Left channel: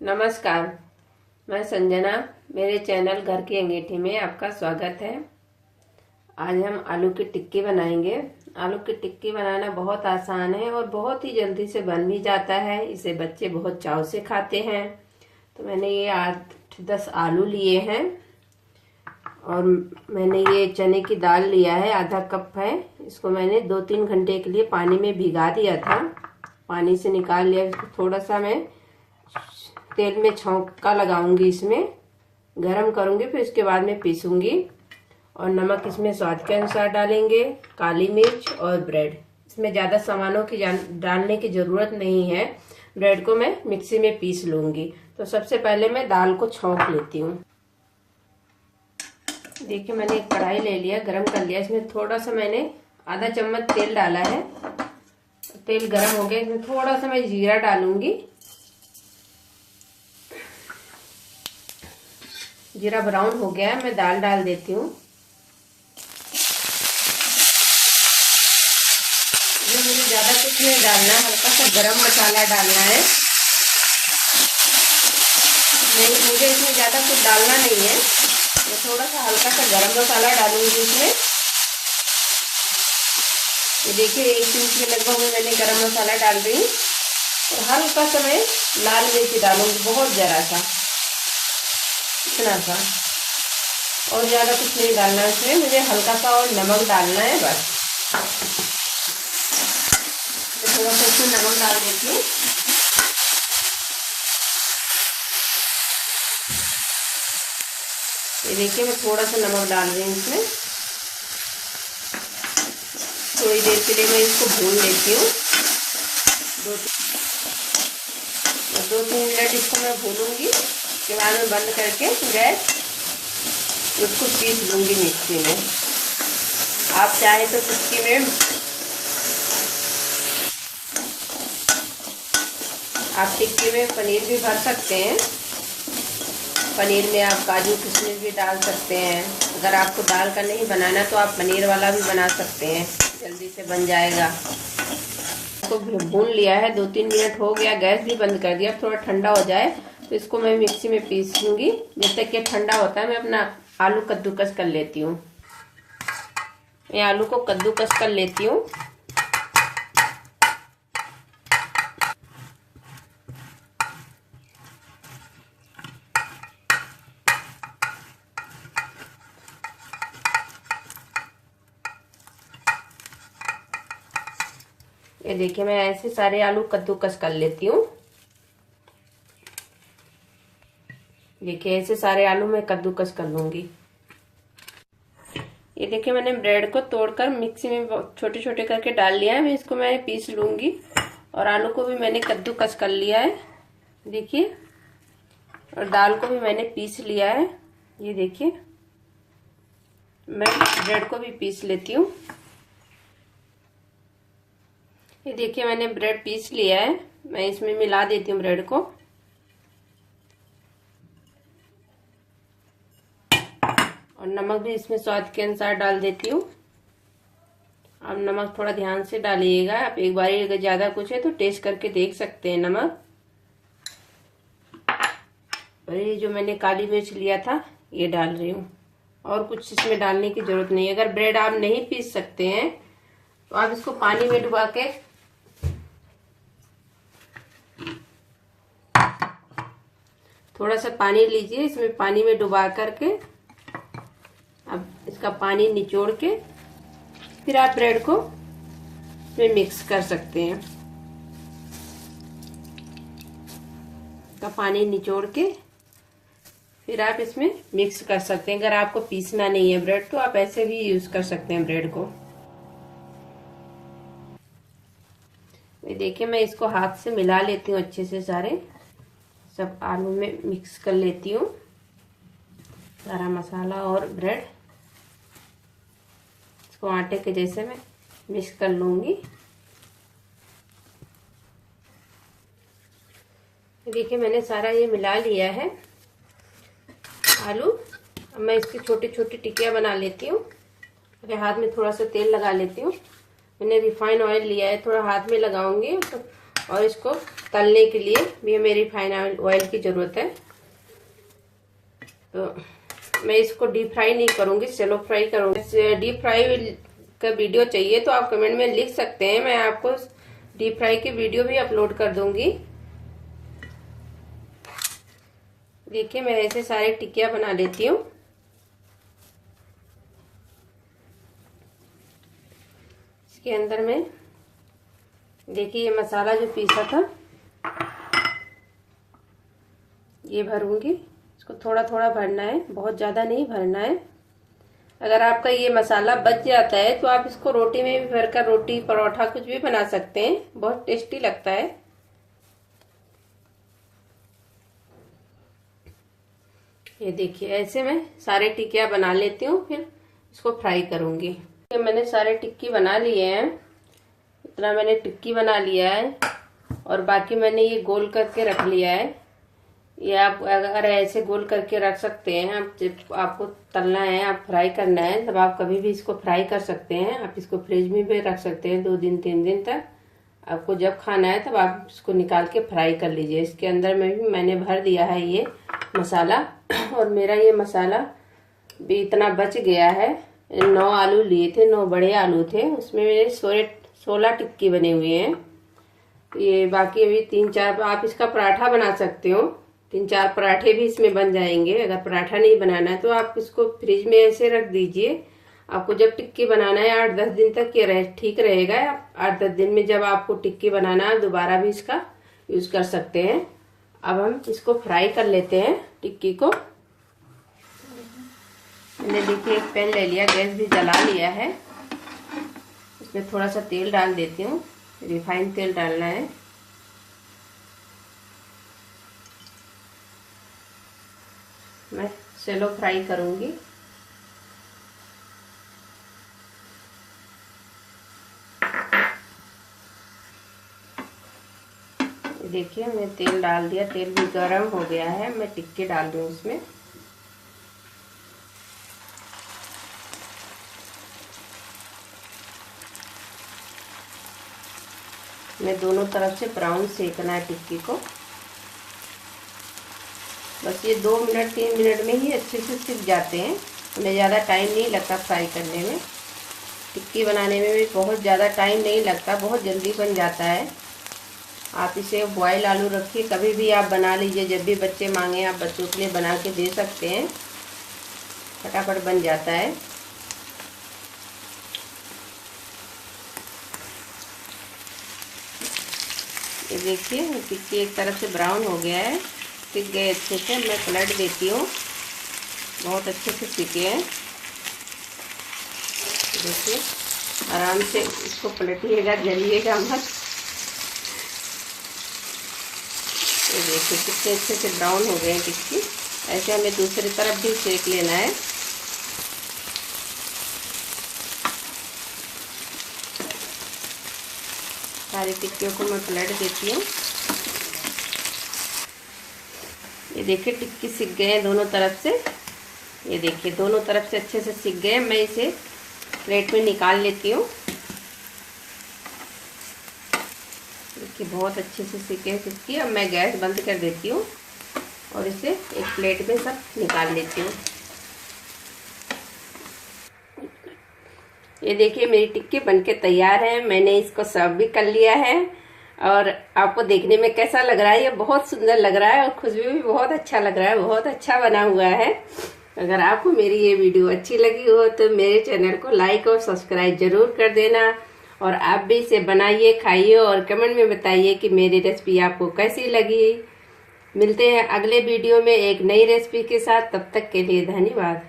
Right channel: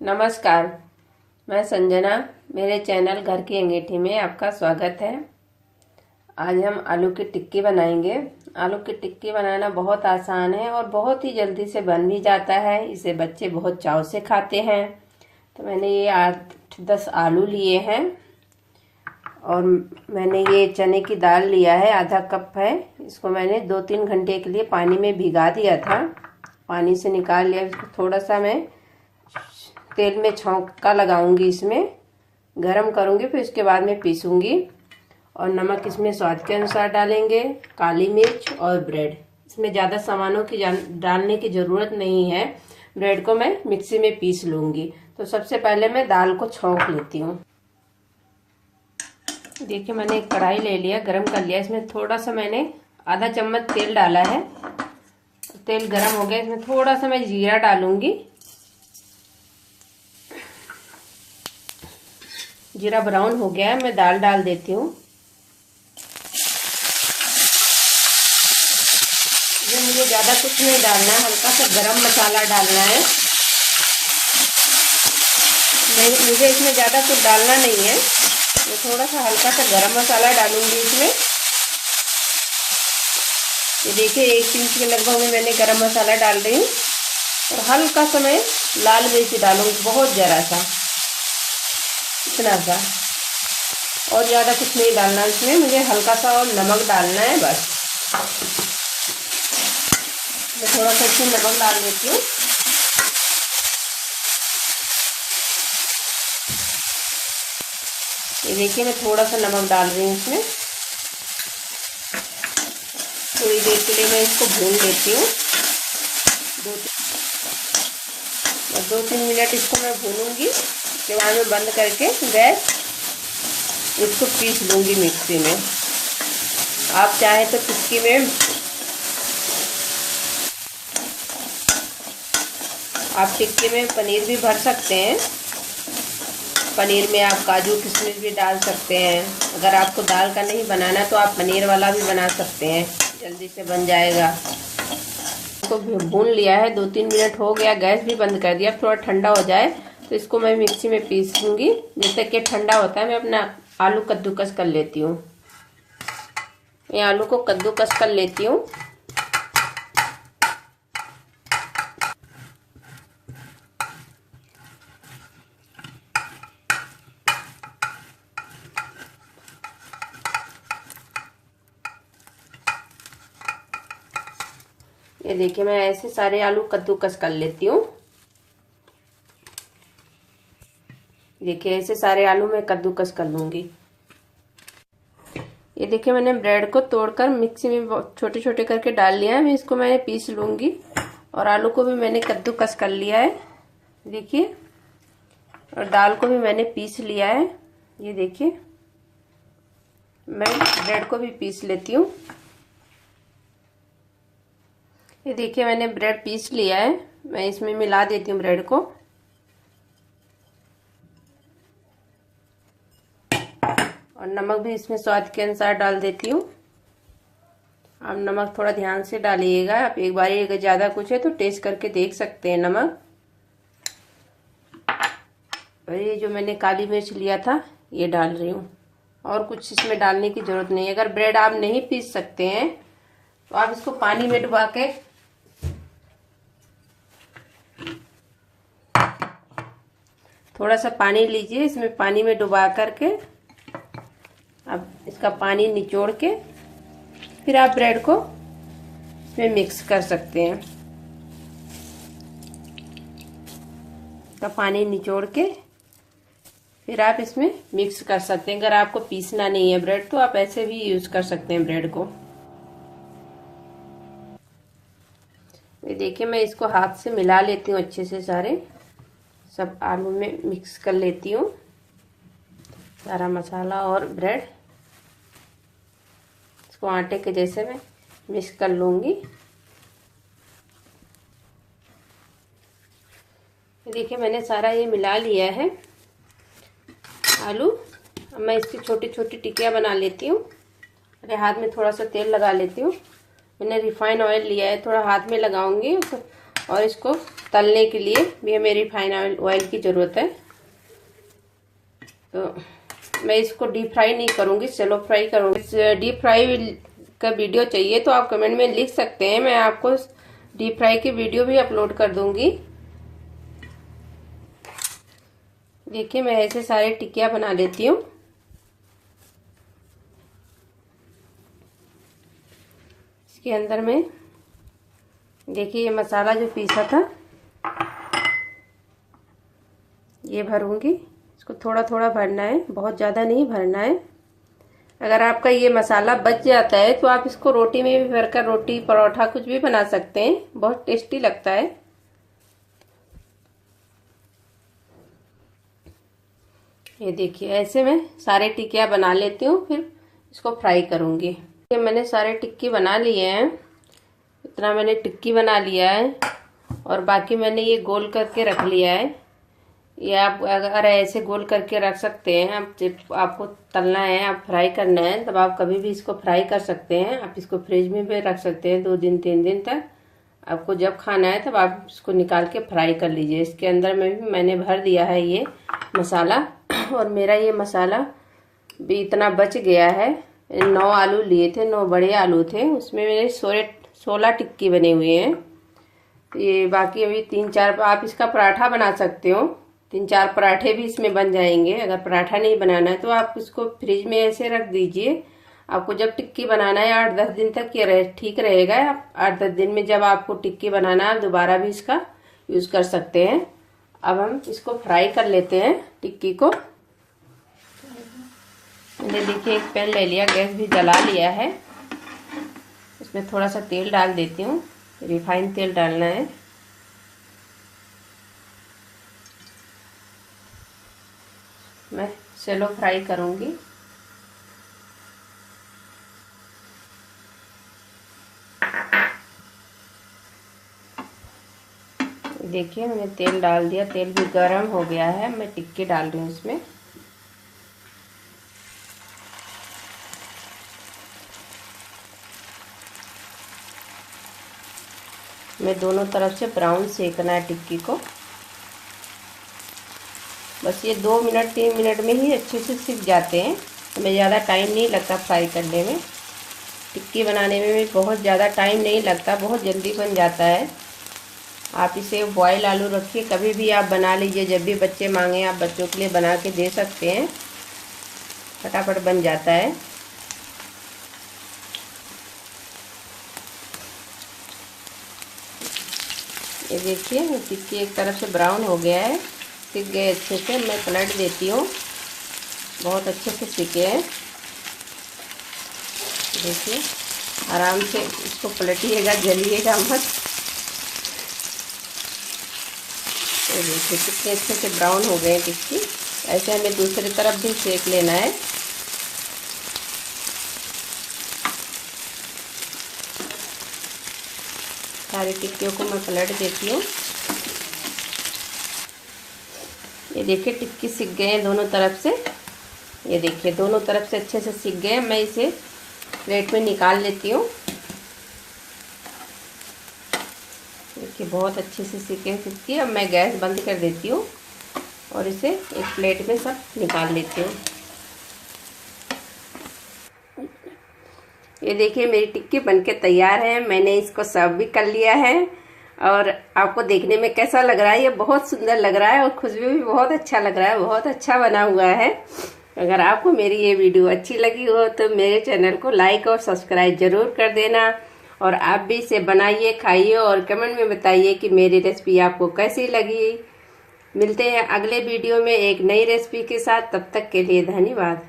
नमस्कार, मैं संजना। मेरे चैनल घर की अंगीठी में आपका स्वागत है। आज हम आलू की टिक्की बनाएंगे। आलू की टिक्की बनाना बहुत आसान है और बहुत ही जल्दी से बन भी जाता है। इसे बच्चे बहुत चाव से खाते हैं। तो मैंने ये 8-10 आलू लिए हैं और मैंने ये चने की दाल लिया है, आधा कप है। इसको मैंने 2-3 घंटे के लिए पानी में भिगा दिया था। पानी से निकाल लिया। इसको थोड़ा सा मैं तेल में छौंका लगाऊंगी, इसमें गरम करूंगी, फिर इसके बाद में पीसूंगी। और नमक इसमें स्वाद के अनुसार डालेंगे, काली मिर्च और ब्रेड। इसमें ज़्यादा सामानों की डालने की ज़रूरत नहीं है। ब्रेड को मैं मिक्सी में पीस लूंगी। तो सबसे पहले मैं दाल को छौंक लेती हूँ। देखिए, मैंने एक कढ़ाई ले लिया, गरम कर लिया। इसमें थोड़ा सा मैंने आधा चम्मच तेल डाला है। तेल गरम हो गया। इसमें थोड़ा सा मैं जीरा डालूंगी। जीरा ब्राउन हो गया है, मैं दाल डाल देती हूँ। मुझे ज़्यादा कुछ नहीं डालना है, हल्का सा गरम मसाला डालना है। नहीं, मुझे इसमें ज़्यादा कुछ डालना नहीं है। मैं थोड़ा सा हल्का सा गरम मसाला डालूंगी इसमें। ये देखिए, 1 पिंच के लगभग में मैंने गरम मसाला डाल रही हूँ। और हल्का सा मैं लाल मिर्च डालूंगी, बहुत ज़रा सा, इतना सा, और ज़्यादा कुछ नहीं डालना है इसमें। मुझे हल्का सा और नमक डालना है बस। मैं थोड़ा सा इसमें नमक डाल देती हूँ। ये देखिए, मैं थोड़ा सा नमक डाल रही हूँ इसमें। थोड़ी देर के लिए मैं इसको भून लेती हूँ। 2-3 मिनट इसको मैं भूनूंगी। उसके बाद में बंद करके गैस इसको पीस लूंगी मिक्सी में। आप चाहे तो टिक्की में पनीर भी भर सकते हैं। पनीर में आप काजू किशमिश भी डाल सकते हैं। अगर आपको दाल का नहीं बनाना तो आप पनीर वाला भी बना सकते हैं, जल्दी से बन जाएगा। इसको भून लिया है, 2-3 मिनट हो गया, गैस भी बंद कर दिया। अब थोड़ा ठंडा हो जाए तो इसको मैं मिक्सी में पीस लूँगी। जब तक ये ठंडा होता है मैं अपना आलू कद्दूकस कर लेती हूँ। ये आलू को कद्दूकस कर लेती हूँ। ये देखिए, मैं ऐसे सारे आलू कद्दूकस कर लेती हूँ। देखिए, ऐसे सारे आलू मैं कद्दूकस कर लूंगी। ये देखिए, मैंने ब्रेड को तोड़कर मिक्सी में छोटे छोटे करके डाल लिया है। मैं इसको पीस लूंगी। और आलू को भी मैंने कद्दूकस कर लिया है, देखिए। और दाल को भी मैंने पीस लिया है। ये देखिए, मैं ब्रेड को भी पीस लेती हूँ। ये देखिए, मैंने ब्रेड पीस लिया है। मैं इसमें मिला देती हूँ ब्रेड को। और नमक भी इसमें स्वाद के अनुसार डाल देती हूँ। आप नमक थोड़ा ध्यान से डालिएगा। आप एक बार अगर ज़्यादा कुछ है तो टेस्ट करके देख सकते हैं नमक। और ये जो मैंने काली मिर्च लिया था ये डाल रही हूँ। और कुछ इसमें डालने की ज़रूरत नहीं है। अगर ब्रेड आप नहीं पीस सकते हैं तो आप इसको पानी में डुबा के थोड़ा सा पानी लीजिए, इसमें पानी में डुबा करके अब इसका पानी निचोड़ के फिर आप ब्रेड को इसमें मिक्स कर सकते हैं। इसका पानी निचोड़ के फिर आप इसमें मिक्स कर सकते हैं। अगर आपको पीसना नहीं है ब्रेड तो आप ऐसे भी यूज कर सकते हैं ब्रेड को। ये देखिए, मैं इसको हाथ से मिला लेती हूँ अच्छे से। सारे सब आलू में मिक्स कर लेती हूँ, सारा मसाला और ब्रेड। इसको आटे के जैसे मैं मिक्स कर लूँगी। देखिए, मैंने सारा ये मिला लिया है आलू। अब मैं इसकी छोटी छोटी टिक्कियाँ बना लेती हूँ। मेरे हाथ में थोड़ा सा तेल लगा लेती हूँ। मैंने रिफाइंड ऑयल लिया है, थोड़ा हाथ में लगाऊंगी और इसको तलने के लिए भी हमें रिफाइन ऑयल की ज़रूरत है। तो मैं इसको डीप फ्राई नहीं करूँगी, शैलो फ्राई करूँगी। डीप फ्राई का वीडियो चाहिए तो आप कमेंट में लिख सकते हैं, मैं आपको डीप फ्राई की वीडियो भी अपलोड कर दूँगी। देखिए मैं ऐसे सारे टिक्कियाँ बना लेती हूँ। इसके अंदर में देखिए ये मसाला जो पीसा था ये भरूंगी। इसको थोड़ा थोड़ा भरना है, बहुत ज़्यादा नहीं भरना है। अगर आपका ये मसाला बच जाता है तो आप इसको रोटी में भी भरकर रोटी परोठा कुछ भी बना सकते हैं, बहुत टेस्टी लगता है। ये देखिए ऐसे मैं सारे टिक्कियाँ बना लेती हूँ, फिर इसको फ्राई करूँगी। ये मैंने सारे टिक्की बना लिए हैं, इतना मैंने टिक्की बना लिया है और बाकी मैंने ये गोल करके रख लिया है। ये आप अगर ऐसे गोल करके रख सकते हैं, आप जब आपको तलना है, आप फ्राई करना है, तब आप कभी भी इसको फ्राई कर सकते हैं। आप इसको फ्रिज में भी रख सकते हैं 2 दिन 3 दिन तक। आपको जब खाना है तब आप इसको निकाल के फ्राई कर लीजिए। इसके अंदर में भी मैंने भर दिया है ये मसाला और मेरा ये मसाला भी इतना बच गया है। 9 आलू लिए थे, 9 बड़े आलू थे, उसमें मेरे 16 टिक्की बने हुए हैं। ये बाकी अभी 3-4 आप इसका पराठा बना सकते हो, 3-4 पराठे भी इसमें बन जाएंगे। अगर पराठा नहीं बनाना है तो आप इसको फ्रिज में ऐसे रख दीजिए। आपको जब टिक्की बनाना है 8-10 दिन तक ये ठीक रहेगा। 8-10 दिन में जब आपको टिक्की बनाना है दोबारा भी इसका यूज कर सकते हैं। अब हम इसको फ्राई कर लेते हैं टिक्की को। मैंने देखिए एक पैन ले लिया, गैस भी जला लिया है। इसमें थोड़ा सा तेल डाल देती हूँ, रिफाइंड तेल डालना है। मैं शैलो फ्राई करूँगी। देखिए मैंने तेल डाल दिया, तेल भी गरम हो गया है। मैं टिक्की डाल रही हूँ इसमें। मैं दोनों तरफ से ब्राउन सेकना है टिक्की को। बस ये 2 मिनट 3 मिनट में ही अच्छे से सिक जाते हैं, हमें ज़्यादा टाइम नहीं लगता फ्राई करने में। टिक्की बनाने में भी बहुत ज़्यादा टाइम नहीं लगता, बहुत जल्दी बन जाता है। आप इसे बॉयल आलू रखिए, कभी भी आप बना लीजिए, जब भी बच्चे मांगे आप बच्चों के लिए बना के दे सकते हैं, फटाफट बन जाता है। ये देखिए टिक्की एक तरफ से ब्राउन हो गया है, सिक गए अच्छे से। मैं पलट देती हूँ, बहुत अच्छे से सिके हैं। देखिए आराम से इसको पलटिएगा, जलिएगा मत। तो देखिए कितने अच्छे से ब्राउन हो गए हैं टिक्की। ऐसे हमें दूसरी तरफ भी सेक लेना है। सारी टिक्कियों को मैं पलट देती हूँ। ये देखिए टिक्की सिक गए हैं दोनों तरफ से। ये देखिए दोनों तरफ से अच्छे से सिक गए। मैं इसे प्लेट में निकाल लेती हूँ। देखिए बहुत अच्छे से सिके हैं टिक्की। अब मैं गैस बंद कर देती हूँ और इसे एक प्लेट में सब निकाल लेती हूँ। ये देखिए मेरी टिक्की बनके तैयार है। मैंने इसको सर्व भी कर लिया है और आपको देखने में कैसा लग रहा है? ये बहुत सुंदर लग रहा है और खुशबू भी बहुत अच्छा लग रहा है, बहुत अच्छा बना हुआ है। अगर आपको मेरी ये वीडियो अच्छी लगी हो तो मेरे चैनल को लाइक और सब्सक्राइब जरूर कर देना और आप भी इसे बनाइए, खाइए और कमेंट में बताइए कि मेरी रेसिपी आपको कैसी लगी। मिलते हैं अगले वीडियो में एक नई रेसिपी के साथ, तब तक के लिए धन्यवाद।